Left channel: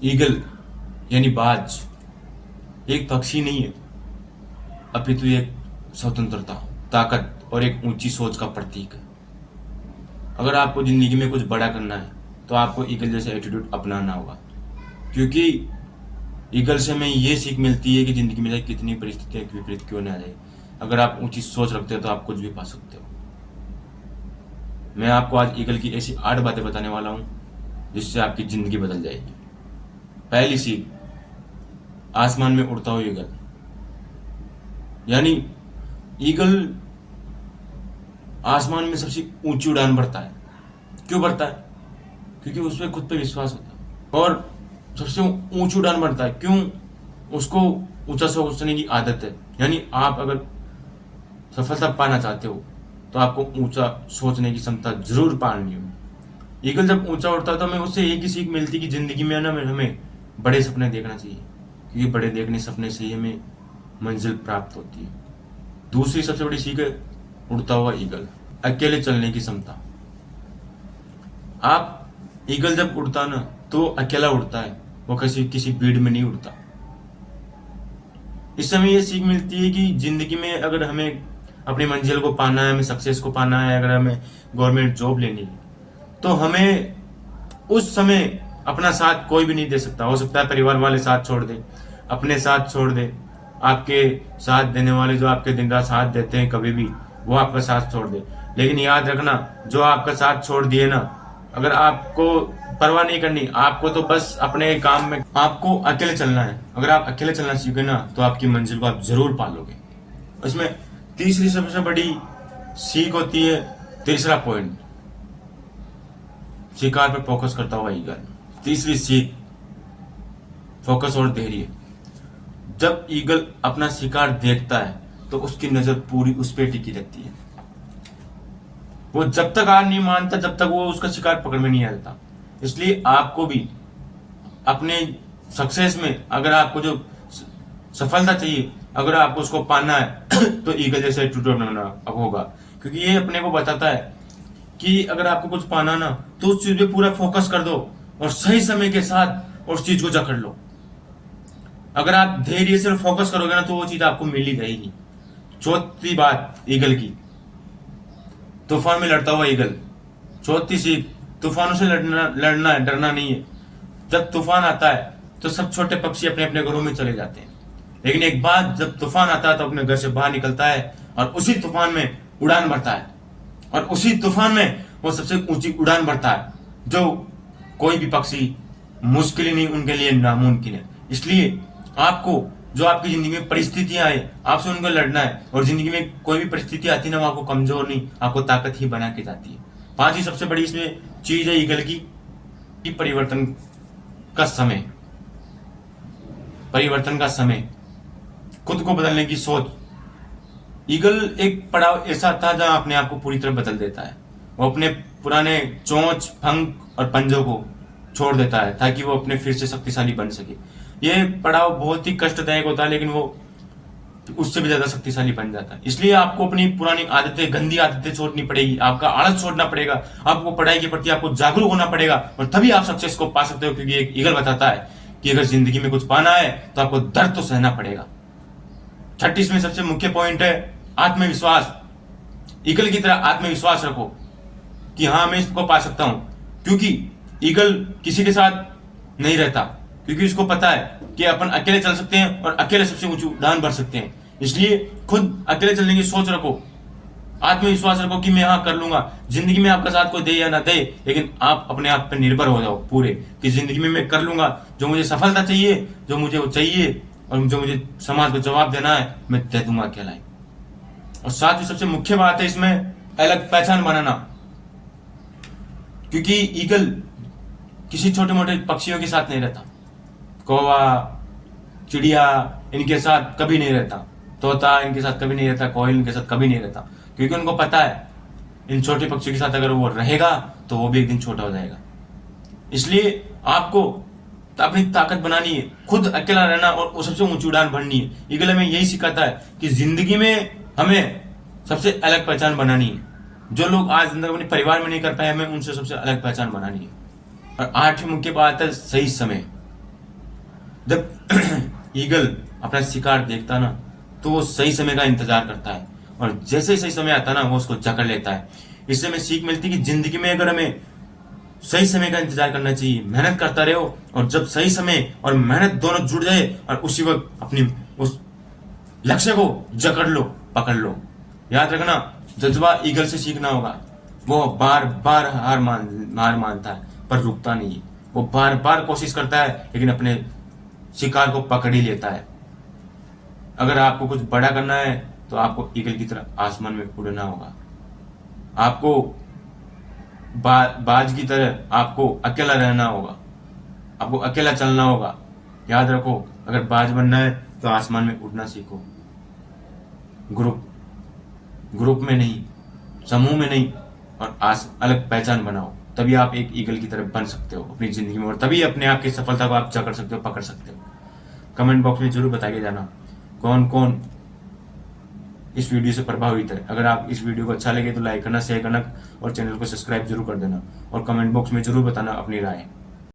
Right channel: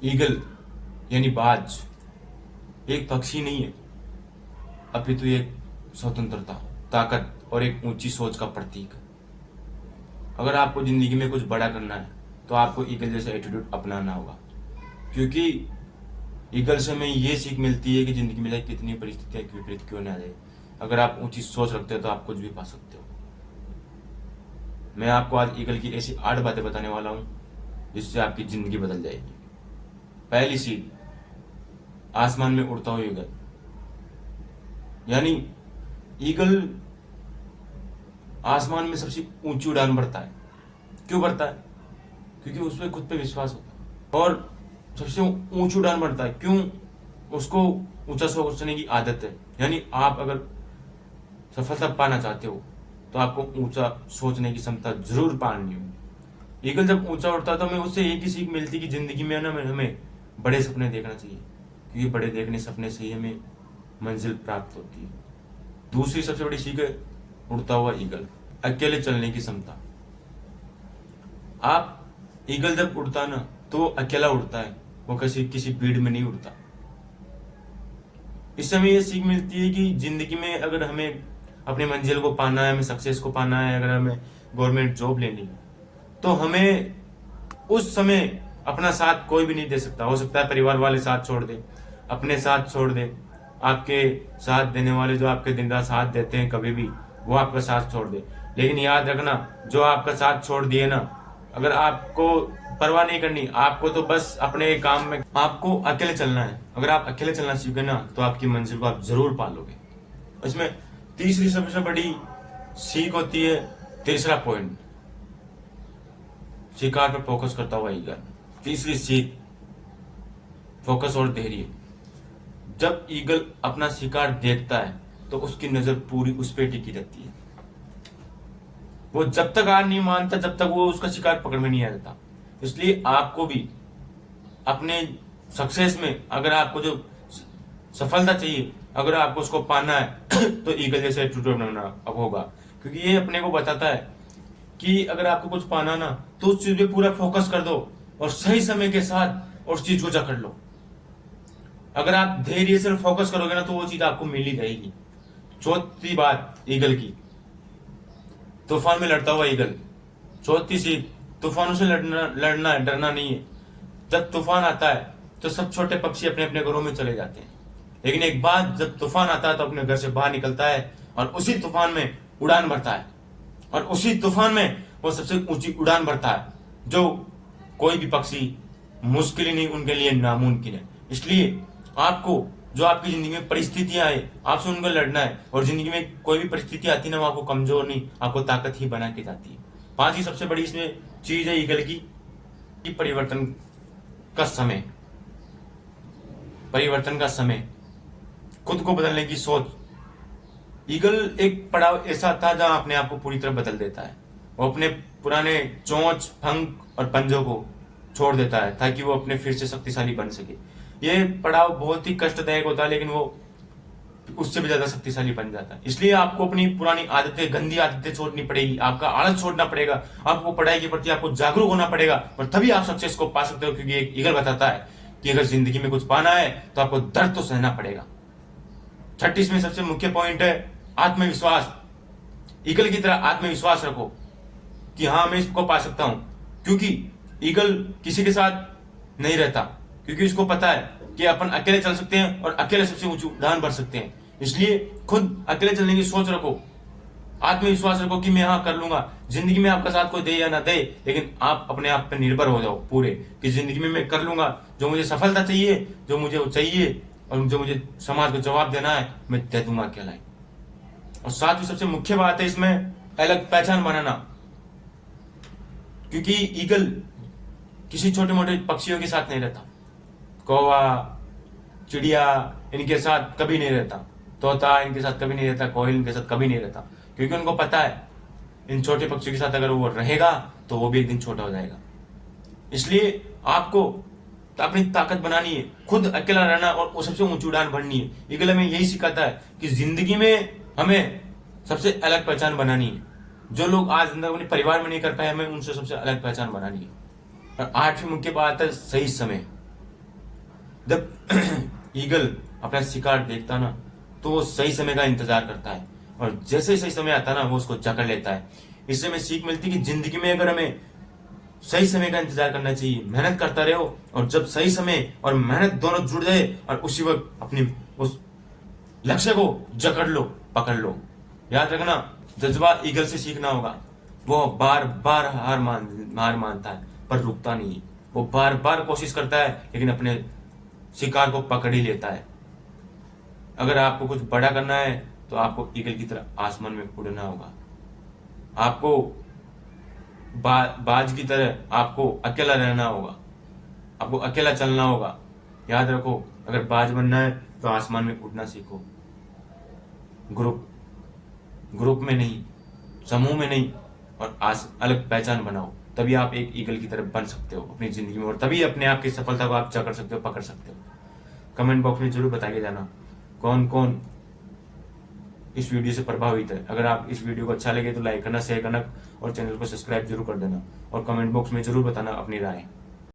Eagle यानी बाज एक पक्षी नहीं है, अपितु एक स्वतंत्रता, ताकत और एक ऊंची सोच का प्रतीक है। अगर आपको जिंदगी में कुछ बड़ा करना है तो आपको ईगल जैसा एटीट्यूड अपनाना होगा, क्योंकि ईगल से हमें ये सीख मिलती है कि जिंदगी में कितनी परिस्थितियां विपरीत क्यों ना आ जाए, अगर आप ऊंची सोच रखते हो तो आप कुछ भी पा सकते हो। मैं आपको आज ईगल की ऐसी 8 बातें बताने वाला हूं जिससे आपकी जिंदगी बदल जाएगी। पहली सीख, आसमान में उड़ता हुआ ईगल। यानी ईगल आसमान में सबसे ऊंची उड़ान भरता है। क्यों भरता है? क्योंकि उसमें खुद पे विश्वास होता है और सबसे ऊंची उड़ान भरता है। क्यों? उसको ऊंचा सोचने की आदत है। यानी आप अगर सफलता पाना चाहते हो तो आपको ऊंचा सोचने की क्षमता जरूर पानी होगी। ईगल जब ऊंचा उड़ता है तो हमें उससे एक ही सीख मिलती कि जिंदगी में ना हमें बड़े सपने देखना चाहिए, क्योंकि बड़े देखने सपने से ही हमें मंजिल प्राप्त होती है। दूसरी सबसे बड़ी सीख है उड़ता हुआ ईगल, अकेले चलने की क्षमता। आप ईगल जब उड़ता ना तो अकेला उड़ता है, वो किसी किसी भीड़ में नहीं उड़ता। इससे हमें ये सीख मिलती है कि जिंदगी में अगर हमें अपनी मंजिल को पाना है, हमें सक्सेस को पाना है, अगर हमें गवर्नमेंट जॉब लेनी है तो हमें उस समय अपना साथ कोई भी नहीं दे सकता। हो सकता है परिवार वाले साथ छोड़ दे, अपने साथ छोड़ दे, आपके साथ देने वाले जो आपके दिन रात साथ देते हैं कभी भी, वो आपका साथ छोड़ दे। लेकिन याद रखना, जो आपका साथ छोड़ दिए ना, अगर आपको परवाह नहीं करनी, आपको तो बस अपने काम में आपको अकेले चलना है। अगर आप अकेले चलना सीखे ना तो आपकी मंजिल को आप जरूर पालोगे। उसमें तीसरी सबसे बड़ी सीख होती है, तीसरा पॉइंट, शिकार पर फोकस करता हुआ ईगल। तीसरी सीख, फोकस और धैर्य। जब ईगल अपना शिकार देखता है तो उसकी नजर पूरी उस पर टिकी रहती है। वो जब तक हार नहीं मानता जब तक वो उसका शिकार पकड़ में नहीं आ जाता। इसलिए आपको भी अपने सक्सेस में, अगर आपको जो सफलता चाहिए, अगर आपको उसको पाना है तो ईगल जैसे एटीट्यूड बनाना अब होगा, क्योंकि ये अपने को बताता है कि अगर आपको कुछ पाना ना तो उस चीज पे पूरा फोकस कर दो और सही समय के साथ उस चीज को जकड़ लो। अगर आप धैर्य से फोकस करोगे ना तो वो चीज आपको मिल ही जाएगी। चौथी बात ईगल की, तूफान में लड़ता हुआ ईगल। चौथी सीख, तूफानों से लड़ना है, डरना नहीं है। जब तूफान आता है तो सब छोटे पक्षी अपने अपने घरों में चले जाते हैं, लेकिन एक बार जब तूफान आता है तो अपने घर से बाहर निकलता है और उसी तूफान में उड़ान भरता है, और उसी तूफान में वो सबसे ऊंची उड़ान भरता है जो कोई भी पक्षी मुश्किल ही नहीं उनके लिए नामुमकिन है। इसलिए आपको जो आपकी जिंदगी में परिस्थितियां आए आपसे उनको लड़ना है, और जिंदगी में कोई भी परिस्थिति आती है ना वो आपको कमजोर नहीं, आपको ताकत ही बना के जाती है। पांचवी सबसे बड़ी इसमें चीज है ईगल की परिवर्तन का समय। परिवर्तन का समय, खुद को बदलने की सोच। ईगल एक पड़ाव ऐसा था जहां अपने आप को पूरी तरह बदल देता है। वो अपने पुराने चोंच, पंख और पंजों को छोड़ देता है ताकि वो अपने फिर से शक्तिशाली बन सके। ये पड़ाव बहुत ही कष्टदायक होता है, लेकिन वो उससे भी ज्यादा शक्तिशाली बन जाता है। इसलिए आपको अपनी पुरानी आदतें, गंदी आदतें छोड़नी पड़ेगी, आपका आलस छोड़ना पड़ेगा, आपको पढ़ाई के प्रति आपको जागरूक होना पड़ेगा, और तभी आप सक्सेस को पा सकते हो। क्योंकि एक ईगल बताता है कि अगर जिंदगी में कुछ पाना है तो आपको दर्द तो सहना पड़ेगा। 36 में सबसे मुख्य पॉइंट है आत्मविश्वास। ईगल की तरह आत्मविश्वास रखो कि हाँ मैं इसको पा सकता हूं, क्योंकि ईगल किसी के साथ नहीं रहता, क्योंकि उसको पता है कि अपन अकेले चल सकते हैं और अकेले सबसे ऊंची उड़ान भर सकते हैं। इसलिए खुद अकेले चलने की सोच रखो, आत्मविश्वास रखो कि मैं हाँ कर लूंगा। जिंदगी में आपका साथ कोई दे या ना दे, लेकिन आप अपने आप पर निर्भर हो जाओ पूरे, कि जिंदगी में मैं कर लूंगा। जो मुझे सफलता चाहिए, जो मुझे वो चाहिए, और जो मुझे समाज को जवाब देना है मैं दे दूंगा अकेला ही। और साथ ही सबसे मुख्य बात है इसमें अलग पहचान बनाना, क्योंकि ईगल किसी छोटे मोटे पक्षियों के साथ नहीं रहता। कौवा, चिड़िया इनके साथ कभी नहीं रहता, तोता इनके साथ कभी नहीं रहता, कोयल इनके साथ कभी नहीं रहता, क्योंकि उनको पता है इन छोटे पक्षियों के साथ अगर वो रहेगा तो वो भी एक दिन छोटा हो जाएगा। इसलिए आपको अपनी ताकत बनानी है, खुद अकेला रहना और सबसे ऊंची उड़ान भरनी है। ईगल हमें यही सिखाता है कि जिंदगी में हमें सबसे अलग पहचान बनानी है। जो लोग आज अपने परिवार में नहीं कर पाए, हमें उनसे सबसे अलग पहचान बनानी है। और आठवीं मुख्य बात है सही समय। जब ईगल अपना शिकार देखता ना तो वो सही समय का इंतजार करता है, और जैसे ही सही समय आता ना वो उसको जकड़ लेता है। इससे हमें सीख मिलती है कि जिंदगी में अगर हमें सही समय का इंतजार करना चाहिए, मेहनत करता रहो, और जब सही समय और मेहनत दोनों जुड़ जाए और उसी वक्त अपनी उस लक्ष्य को जकड़ लो, पकड़ लो। याद रखना, जज्बा ईगल से सीखना होगा। वो बार बार हार मानता है पर रुकता नहीं है। वो बार बार कोशिश करता है लेकिन अपने शिकार को पकड़ ही लेता है। अगर आपको कुछ बड़ा करना है तो आपको ईगल की तरह आसमान में उड़ना होगा। आपको बाज की तरह आपको अकेला रहना होगा, आपको अकेला चलना होगा। याद रखो, अगर बाज बनना है तो आसमान में उड़ना सीखो, ग्रुप में नहीं, समूह में नहीं, और अलग पहचान बनाओ। तभी आप एक ईगल की तरह बन सकते हो अपनी जिंदगी में, और तभी अपने आप की सफलता को आप जकड़ सकते हो, पकड़ सकते हो। कमेंट बॉक्स में जरूर बताइए जाना कौन कौन इस वीडियो से प्रभावित है। अगर आप इस वीडियो को अच्छा लगे तो लाइक करना, शेयर करना और चैनल को सब्सक्राइब जरूर कर देना, और कमेंट बॉक्स में जरूर बताना अपनी राय।